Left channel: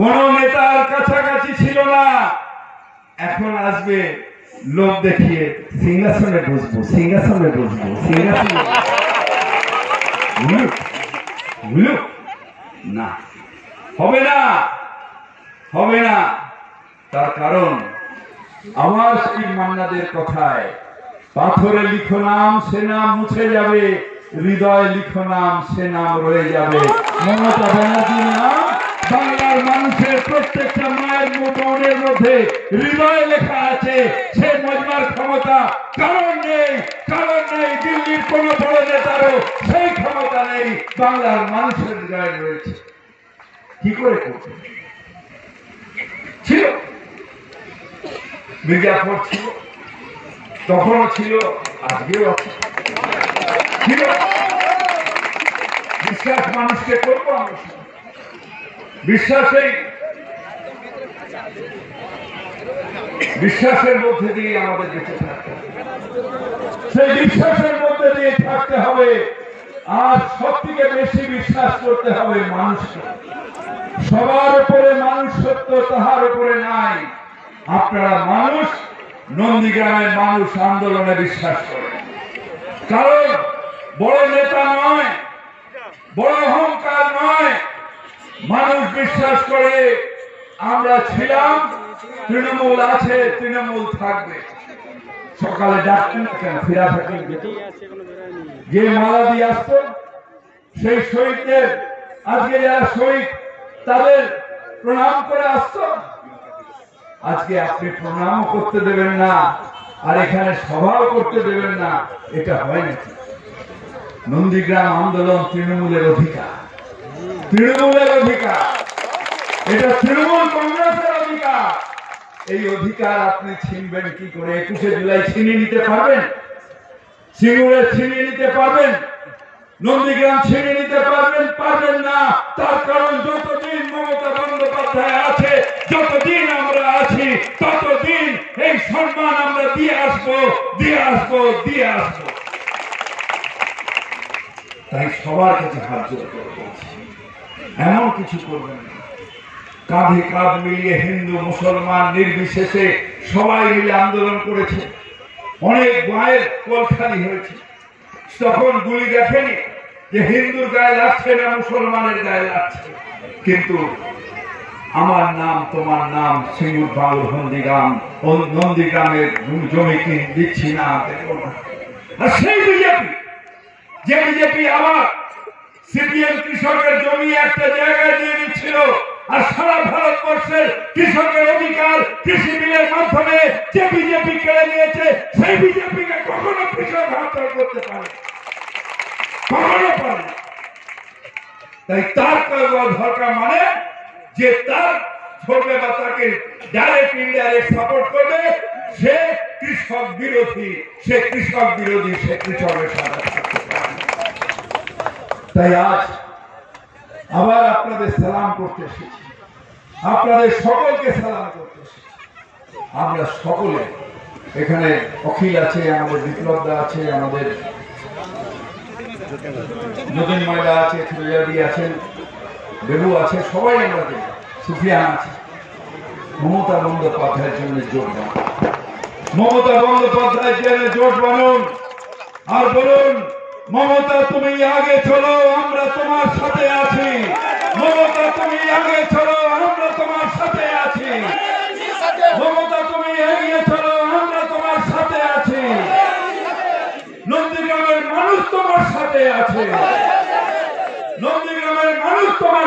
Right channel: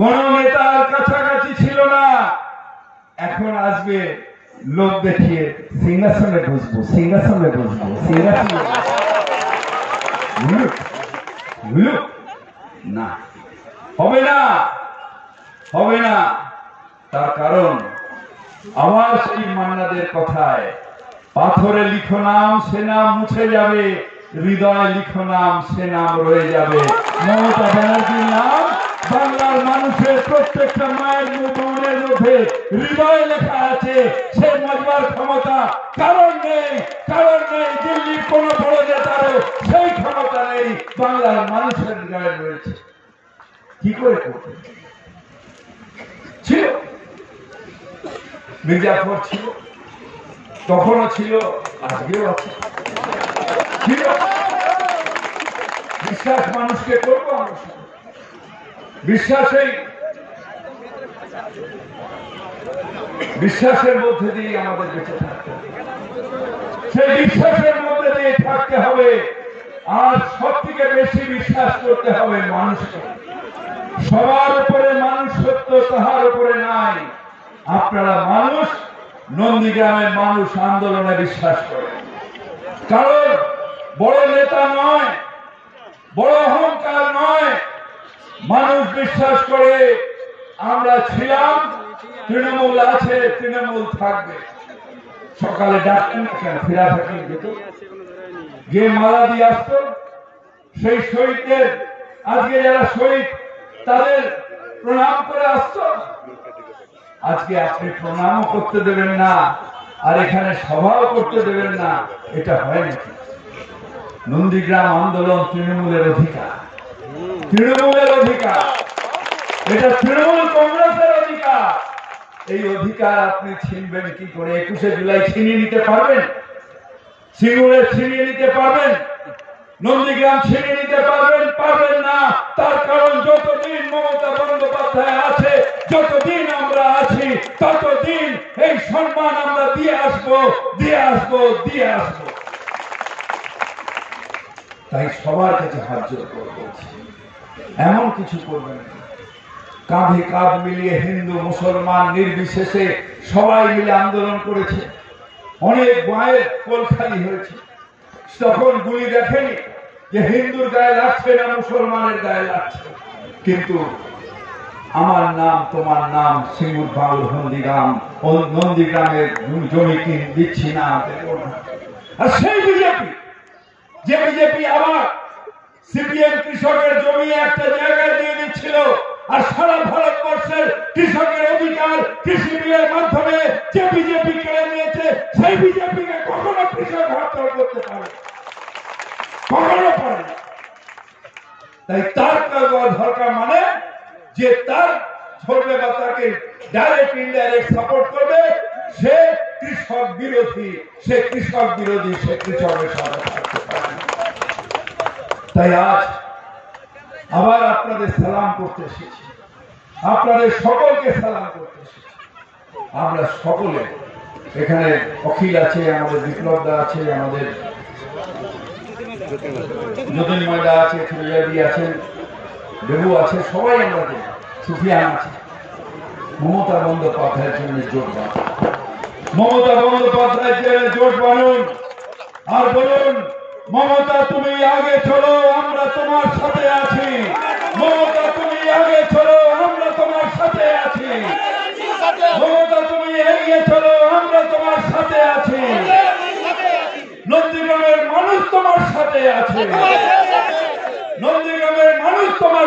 কোন নেতার কাছাকাছি ছিল না। এখন আসবে লোক দেখিয়ে সিংহাসনে বসবো, সিংহাসনে বসবো, সিংহাসনে না, হবে না, হবে না। তার কারণ আমার সেই মান্নাদের কথায়, পাথরে লিখো নাম সে নাম মুছে যাবে, হৃদয় লিখো নাম সে নাম রয়ে যাবে। মমতা ব্যানার্জির নাম বাংলার মানুষের প্রত্যেকটা মায়ের মনের মধ্যে হৃদয়ে লেখা আছে। সে মজবার ক্ষমতা কারণ নেই, কারণ নেই। দিল্লির কোন বড় নেতারও সেই ক্ষমতা নেই, বাংলার মানুষের হৃদয়ে রয়েছে। কি করে করতে ছিল? মির্জাফর ছিল, তখনও ছিল, আজকেও আছে। ছিল বিশ্বাস, মানুষকে করবো বিশ্বাসের মধ্যে দিয়ে আমাদের বেঁচে থাকতে হবে। সেই বিশ্বাসের মধ্যে দিয়ে থাকতে হবে। আর সব থেকে বেশি বিশ্বাস করতে হবে মানুষকে। সবার উপরে মানুষ সত্য, তাহার উপরে নাই। আপনারা মানুষ, নন্দীগ্রামের মানুষ আন্দোলনে বিশ্বাস করে। কারণ বড় নেতা নয়, বড় অহংকার নয়, মানুষ বিশ্বাস করে আমরা ছিলাম, তৃণমূল আছে, তৃণমূল থাকবে। সকালে ডাকতেন কেন ফিরা থাকেন যেত, যে মালা দিয়ে আসতো সেই শহীদদের, আজকে যারা শহীদ তাদের প্রণাম করে আসতো। আজকে আপনি প্রণাম করতে দেবেন না, আর এখানে সভাও করতে দেবেন না, এটা হয় নাকি? নন্দীগ্রাম আন্দোলন তৃণমূলের অধিকার, তৃণমূলের অধিকার, এটা তৃণমূল কংগ্রেসের অধিকার। এই অধিকার আপনি ছিনবেন কি করে? 21শে জুলাই ছিনিয়ে নিতে পারবেন? সিঙ্গুরে ছিনিয়ে নিতে পারবেন? নন্দীগ্রাম ছিনিয়ে নিতে পারবেন? পারবেন না। তার কারণ যতদিন মমতা বন্দ্যোপাধ্যায় আছে, যতদিন আমরা আছি, ততদিন এই সম্মান আমরা দিয়ে আসবো, দিয়ে আসবো, দিয়ে আসবো। তাই সবার কাছে হাত জোড় করে বলছি, এমন কিছু করবেন না। কাঁধে কাঁধ মিলিয়ে হিন্দু মুসলমান নির্বিশেষে সবাই মিলে আন্দোলন করেছে। অনেক মায়ের কোল খালি হয়েছে। তখন গুলি দেখেনি যে হিন্দুর গায়ে লাগছে না মুসলমানের গায়ে লাগছে। কিন্তু আমার নাম তোমার নাম, সিঙ্গুর বাউল নন্দীগ্রাম, ও নন্দীগ্রামের জমি দিচ্ছি না, দেব না। আর সেই বিজেপি, যে বিজেপি আবার সিপিএম কৃষকের জমি একটা জায়গায় দিয়ে দিচ্ছিল, আর সারা ভারতবর্ষের কৃষকের অধিকার কৃষি বিলের মাধ্যমে যে বিজেপি কেড়ে নিয়েছে, সেই বিজেপিকে কখনো কৃষক হাতছাড়া করতে পারে, কখনো পারে না। তাই তার দরকার, মানে যে তার ছড়বে বা তাকে ডাইরেক্ট ইনডাইরেক্ট সাপোর্ট করবে, সে কৃষক বিরোধী, সে কৃষক বিরোধী, সে কৃষকের সাথে থাকতে পারে। তাই আজ আবার আপনাদের সালাম করতে এসেছি, আপনাদের সকলকে সালাম করতে এসেছি। আমরা সকলে এখানে, অখিল আছে, আমাদের বিপ্লবদা আছে, আমাদের যতীন ময়দা আছে, ফিরোজাদি আছেন, বেবু আছে, সবাই আমাদের, সুফিয়ান আছে। মমতা বন্দ্যোপাধ্যায়ের জন্য জোট বানুন, মমতা বন্দ্যোপাধ্যায়ের জন্য জোট বানুন, আর বলুন মমতা তুমি আগে চলো, আমরা তোমার সাথে আছি। মমতা তুমি আগে চলো, আমরা তোমার সাথে আছি। মমতা তুমি এগিয়ে চলো, আমরা তোমার সাথে আছি। নন্দীগ্রামের মানুষ তোমার সাথে আছে, নন্দীগ্রামের মানুষ তোমার